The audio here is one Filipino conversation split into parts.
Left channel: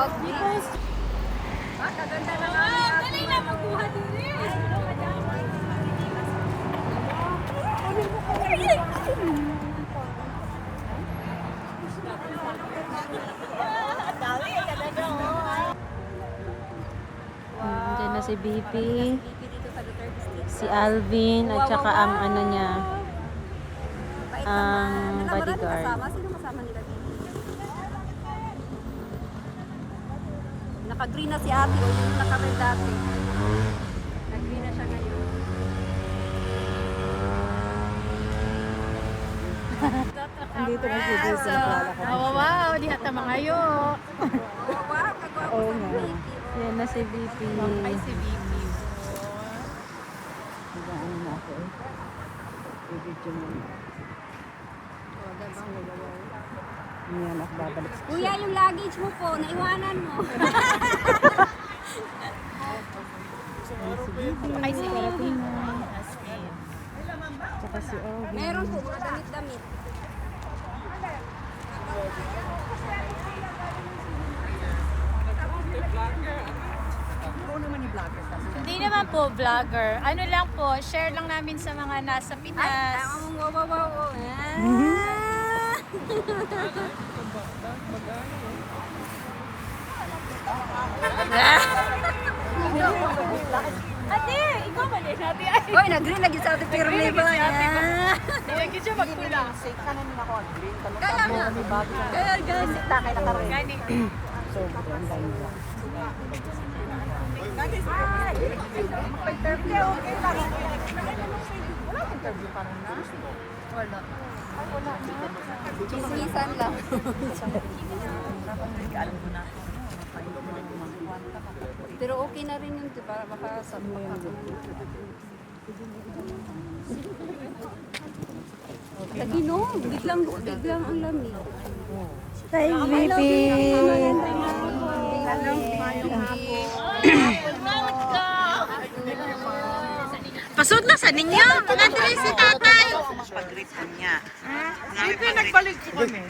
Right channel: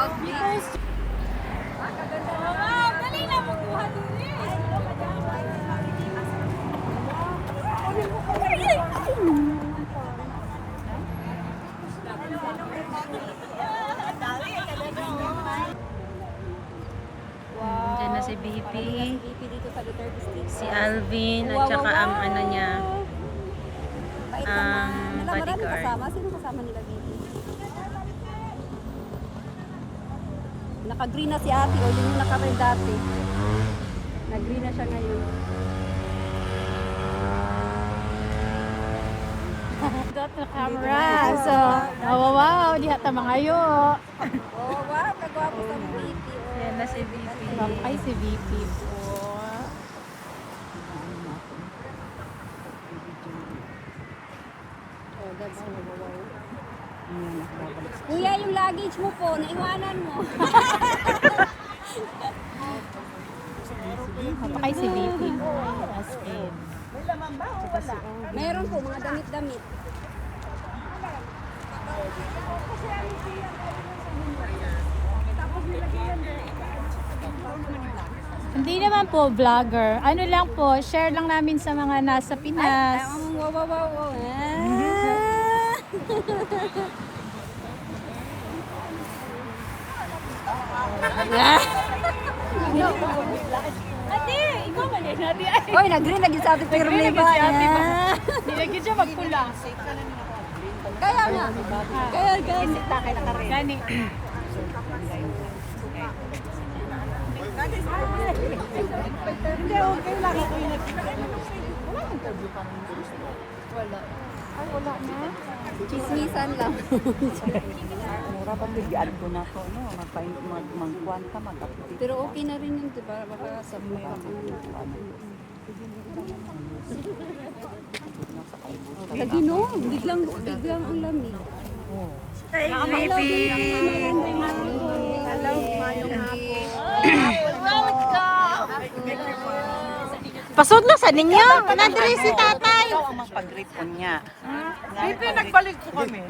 I-post. Wow, dali na magbuha dili. Diyan na si BP, si Alvin, at saka ang ano niya, ang bodyguard. Naka-green na si ate, naka-red dati. Nag-green na siya ngayon. Got the camera. So, wow, di hata mga yo. Oh, wow, kagwapo sa mga. Yan na si BP. Ay, si BP. Kuya, yung luggage mo po, naiwanan mo. Ay, si BP. Meron po, mga damit-damit. Hindi naman po vlogger. Ano lang po, share lang namin sa mga nasa Pinas. Wow, wow, wow, wow. Ate, ikaw ba din? Ate, Oy, nag-green lagi sa ate Pirli ba? nilagyan siya magpula. Kaya nga. Kaya nga. Gani. Chismisan lang. Pero okay na rin yun, para makasabi mo yung lagi no, biglang ang lamig. Hi, BP. Pasod na sa ninyo. Nandiri si tatay. Hindi nagbalik ko kami.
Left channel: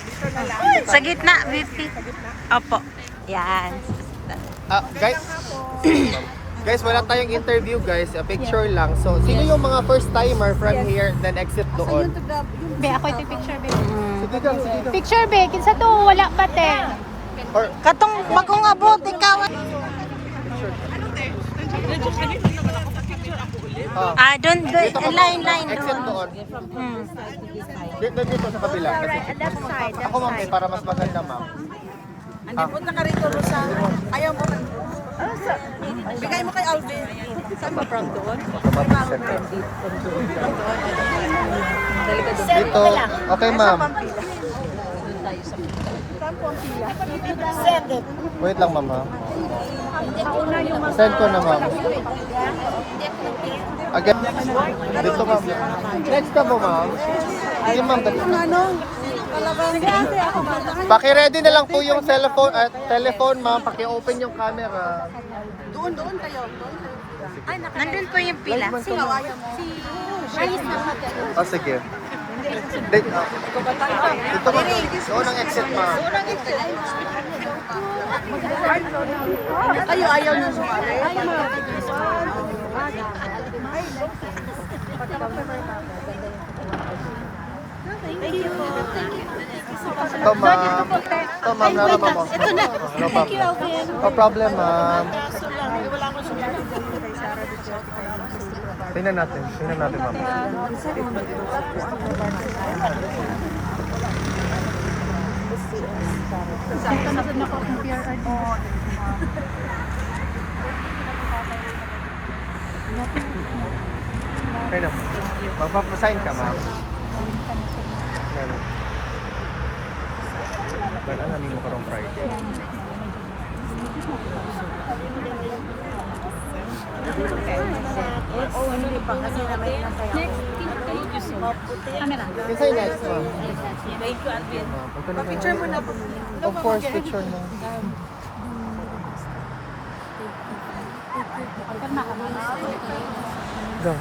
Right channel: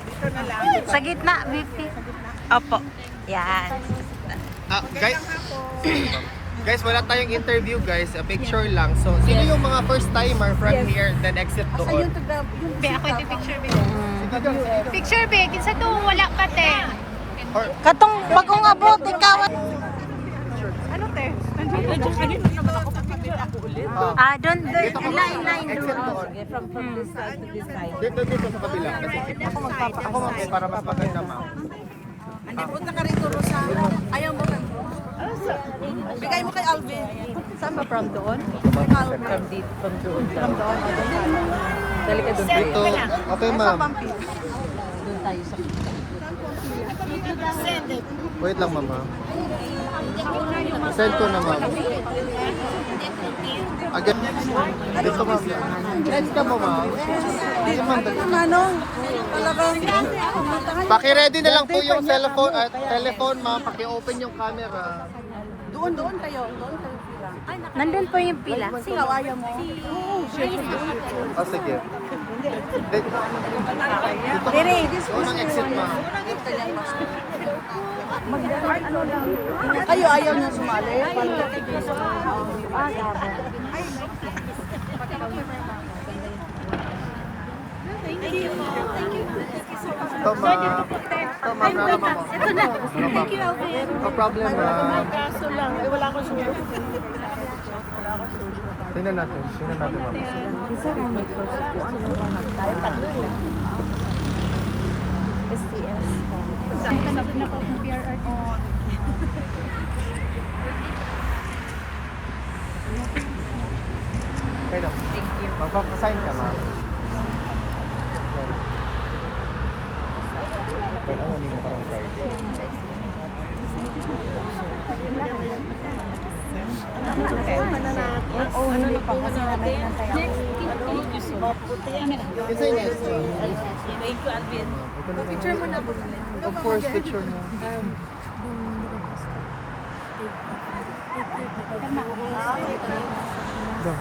Dito na lang. Sa gitna, BP. Opo. Yan. Guys, guys, wala tayong interview guys. A picture lang. So, sino yung mga first timer from here then exit doon? Be, ako ito picture, be. Sige doon, sige doon. Picture, be. Kinsa to, wala pa, te. Or, Katong bagong abot, ikaw. Doon, line, exit doon. doon. Dito sa kabila. Ako ma'am, para mas maganda ma'am. Hindi po na ka rito, Rosa. Ayaw mo. Bigay mo kay Alvin. Dito. Okay ma'am. Doon tayo sa pita. Wait lang ma'am. Send ko na ma'am. Again. Dito ma'am. Next ka mo ma'am. Sige ma'am. Paki-ready na lang po yung telephone ma'am. Paki-open yung camera. Doon kayo. Nandun po yung pila. Oh, sige. Dito. Doon ang exit ma'am. Kayo ayaw nyo. Ito ma'am. Ito ma'am. Ito na. Thank you, Alvin. No problem ma'am. Tingnan natin. Tingnan natin ma'am. Okay na. Magpapasign ka ba? Wala na nimo karong Friday. Ano na po natin? Next, camera. Kasi next one. Thank you, Alvin. Picture mo na po. Of course, picture na. Kalma ka. No.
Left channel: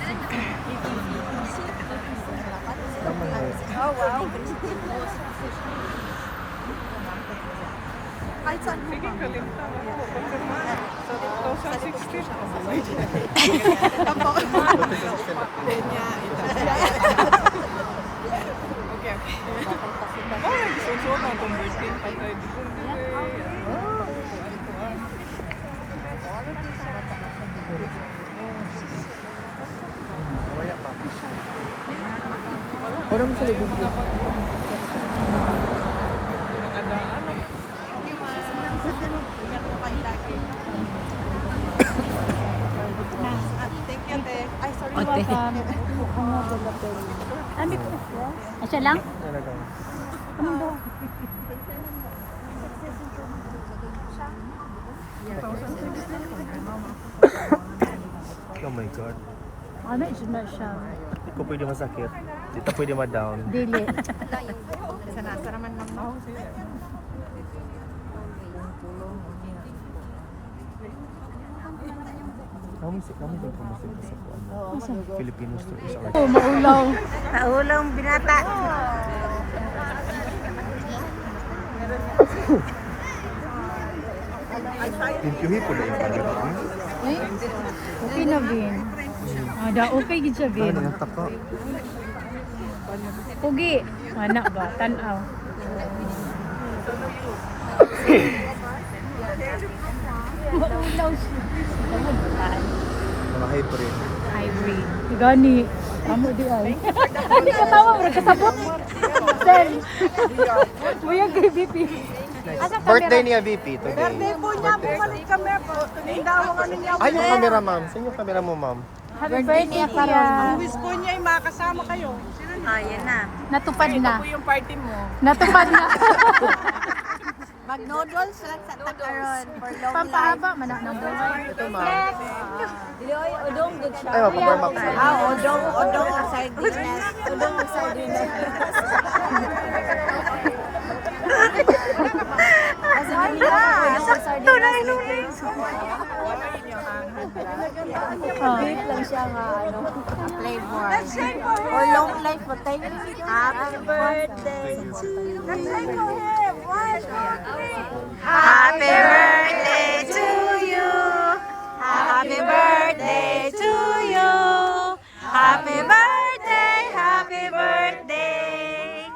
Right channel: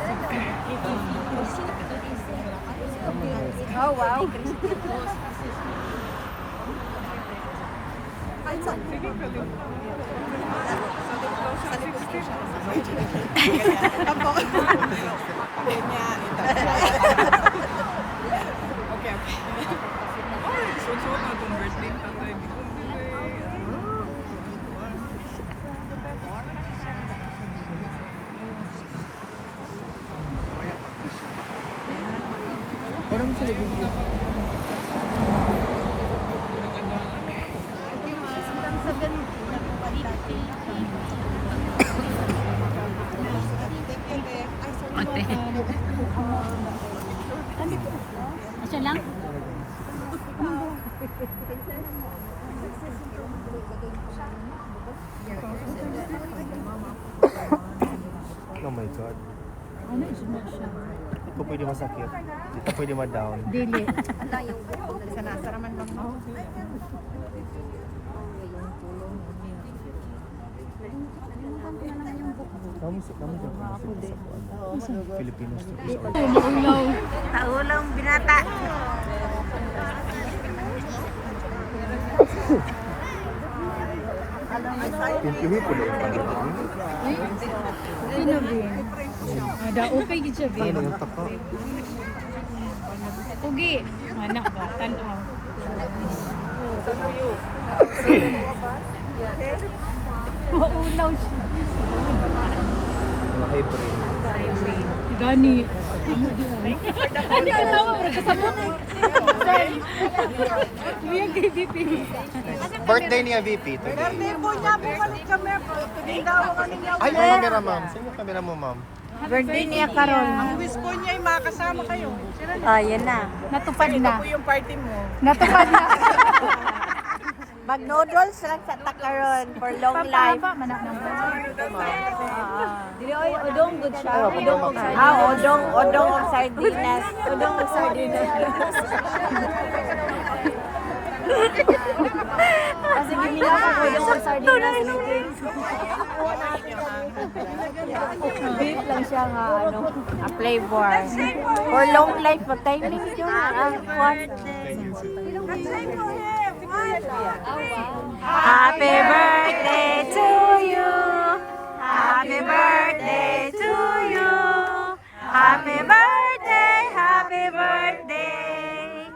Kahit saan po ba? Tampo. Kanya, ito. Okay, okay. Alright, so na convertin pa tayo. Pero mo sa libig niya. Thank you, te. Ay, sorry. Ate. Asya lang? Talaga. Oh my God. Ano, na siya. Ito pwede masakit. Dito pwede ma-down. Dili. Sanasa naman, ma'am, no? Kami daw pumasita sa buwan. Filipinos to is our... Oh, maulaw. Taulang binata. Pintuhin ko na yung Ay, okay na, Bin. Ada, okay gid siya, Bin. Pugi. Mana ba? Tanaw. Maulaw siya. Hybrid. Irene. Gani. Amo di ay. Hindi ka tawa mo kasabot. Muya kay BP. Birthday niya, VP. Today. Birthday po niya, bumalik kami po. Today na ako niya. Ay, yung camera, ma'am. Sino yung camera mo, ma'am? Birthday niya karon. Miss po niya, yung makakasama kayo. Ah, yan na. Natupad na. Ito po yung party mo. Natupad na. Mag-noodles lang sa takaron for long life. Pampahaba man na ng buhay. Dili oy, odong good siya. Ay, ma'am. Odong o sardinas. Odong o sardinas. Ay na. Sakto na inulit. Beef lang siya nga ano, flavor. For long life, magtay ka. Happy birthday. Happy birthday to you. Happy birthday to you. Happy birthday, happy birthday.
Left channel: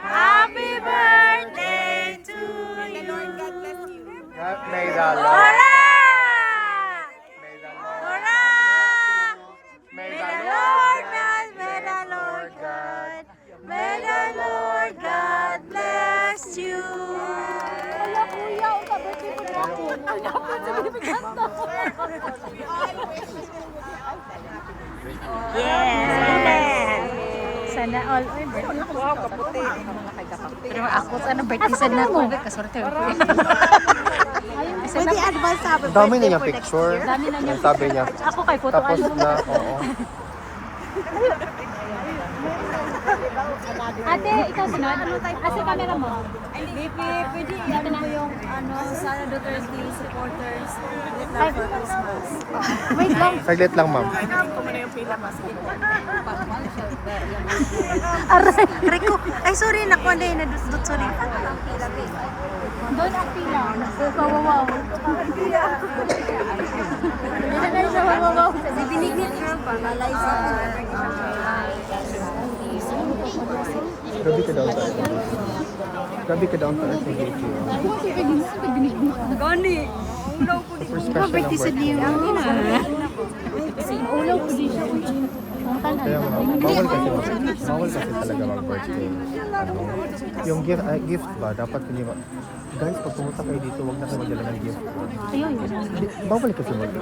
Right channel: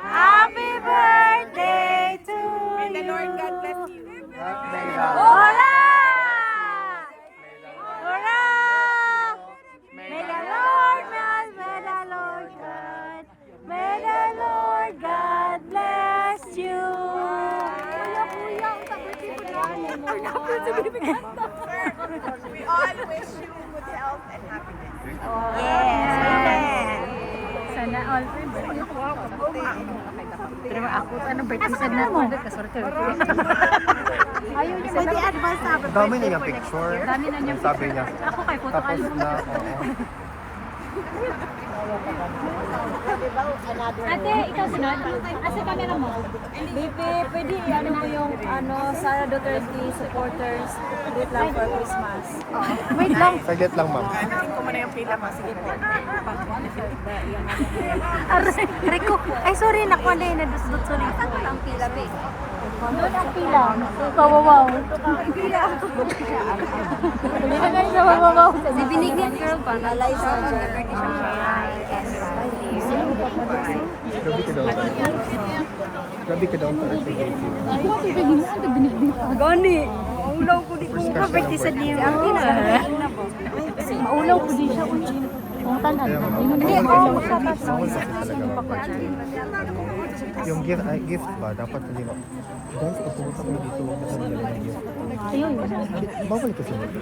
Happy birthday to you. May the Lord God bless you. God may the Hurrah! Hurrah! May the Lord God, may the Lord God bless you. Wala kuya, ang birthday ko na ako. Ang napin sa bibiganta. We all wish you good health and happiness. Yes, amen. Sana all. Pero ako sa ano birthday sad na ako. Kasorte ko yan. Ayun, isa na. advance happy Dami na yung picture. Dami na niya. Sabi niya. Ako kay photo Tapos album. na, Ate, ikaw sunod? Kasi camera mo. Baby, pwede natin na yung ano, Sara Duterte supporters wait lang for Christmas. Wait lang. saglit lang, ma'am. Natin ko muna yung pila, mas. Rico. Ay, sorry. Nakuha na yun. Nadut-dut. Sorry. Doon ang pila. Kawawaw. Hindi na na siya kawawaw. Binigyan ka pa na license. Grabe ka daw tayo. Grabe ka daw tayo sa gate. Gani. Super special Birthday ang sa birthday. niyo. Maulaw ko din siya. Kaya bawal kasi talaga mag-birthday. Yung gift ba, dapat hindi ba? Guys, pag pumunta kayo dito, huwag na kayo dala ng gift. Ayun, yun. Bawal kasi mag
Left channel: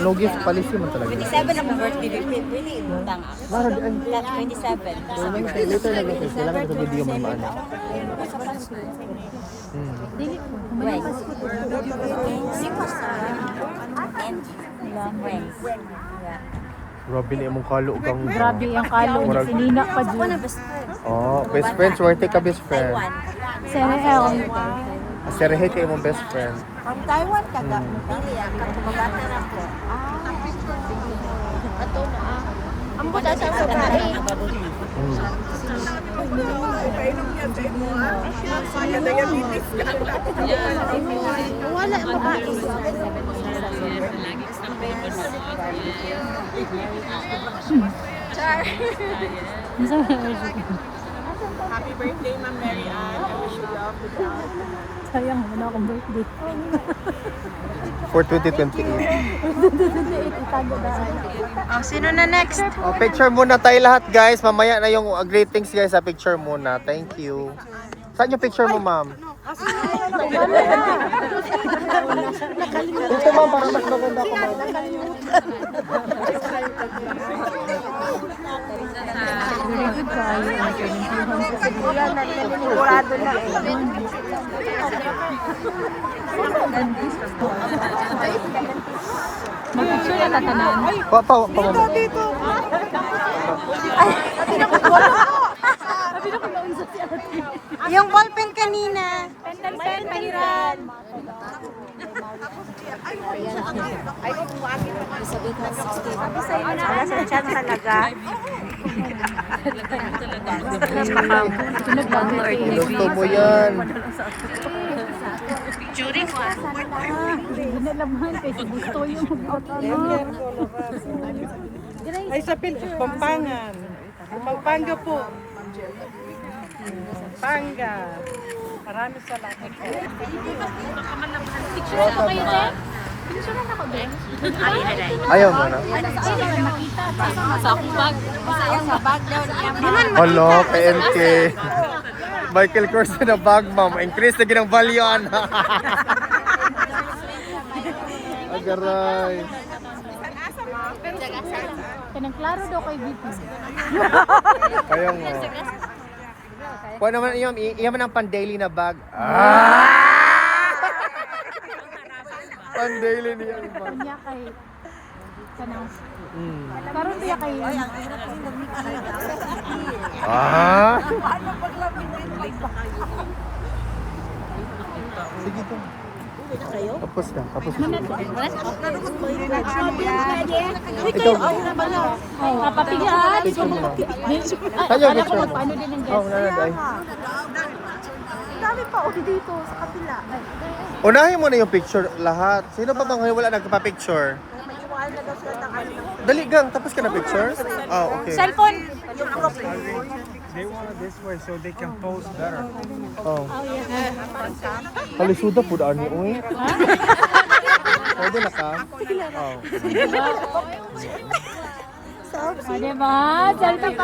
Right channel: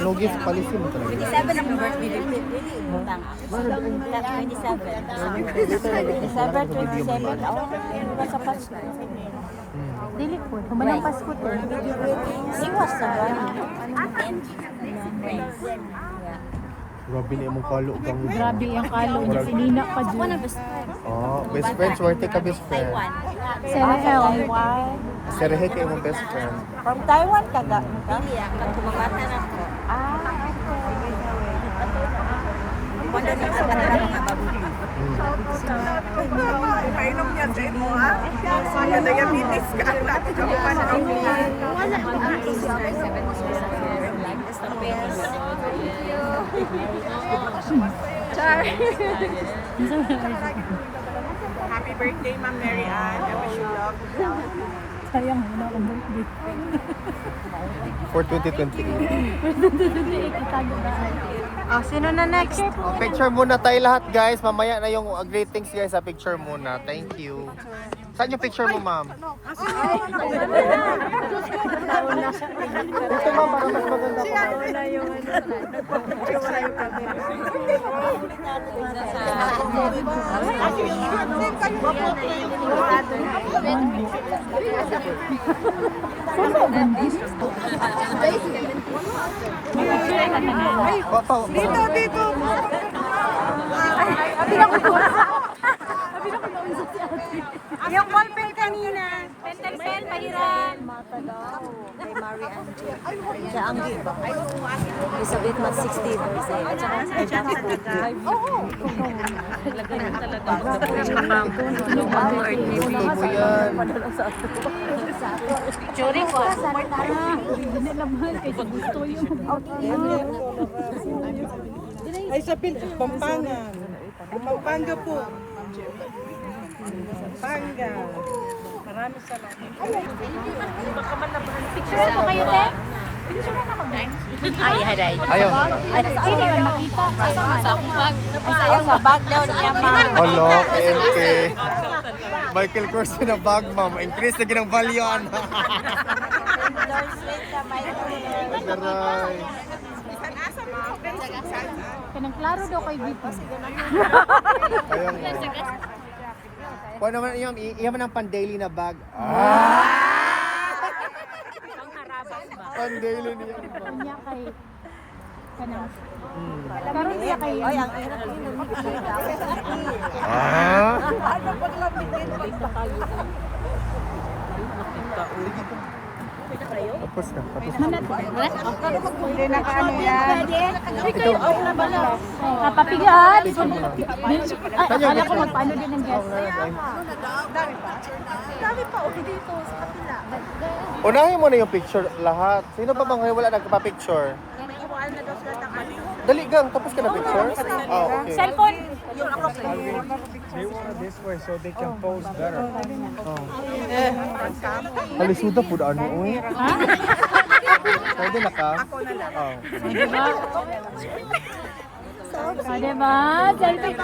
no gift policy mo talaga. 27 akong birthday, baby. Pwede utang ako. Para doon. 27 December. Kailangan ko hindi yung mga anak. Dili po. Kumalang Pasko to. Singos na ba? And rings. Yeah. Grabe na yung kalo kang... Grabe yung kalo niya. Sinina pa Ako na dyan. best friend. Oh, best friend. Swerte ka best friend. Taiwan. Sel. Serehe kayo mong best friend. From Taiwan ka na. Pili ako. Kung kumabata na ko. Ito na. Wala siya sa kanila nga bubble tea. Ipainom niya sa mo, ha? Kaya diabetes ka. Tapos ako pa na. Wala ko ang Easter 7 Happy birthday, Ma'am Mary Ann. I wish you love, good health. Sayang, wala akong birthday. For 2028. Itago daan. Oh, sino na next? Picture muna tayo lahat guys. Mamaya na yung greetings guys sa picture muna. Thank you. Saan yung picture mo, ma'am? Dito, ma'am. Mas maganda. Mag-picture na tatanaw. Dito, dito. Sabi na ko naunsa si ate. Yung ballpen kanina. Pen, pahiram. Para sa chat talaga. gusto mo yan. Churi ko. Hindi na naman kasi gusto yung mag-upload. Ay, sa Pampangan. Pampanga po. Pampanga. Maraming salamat po. Picture ko kayo, te? Picture na ako, Ben. Ay, haray. Ayaw. Hindi man makita. Sa akong bag. Ang saya sa bag daw niya. Di man Hello, makita. PNK. Michael Kors na bag, ma'am. Increase na ginang value, ano. Agaray. Kanang klaro daw kay BP. Ayaw mo. Kung naman yung, iyan man ang pan-daily na bag. Pan-daily niya. Kanya kay kanang Hmm. karon diya kay Ah? Tapos na, tapos na. Ikaw, papigaan. picture mo na. Ay, akala ko magpaano din ng Oh, guest. nanagay. Unahin mo na yung picture lahat. Sino ba mga wala nagpa-picture? Dali gang, tapos ka na picture? Ah, okay. Cellphone. They want this way so they can post there. Oh. Kalisuda po daan ni Uy. Ha? Pwede na ka? Oh. Diba? Diba? Cellphone.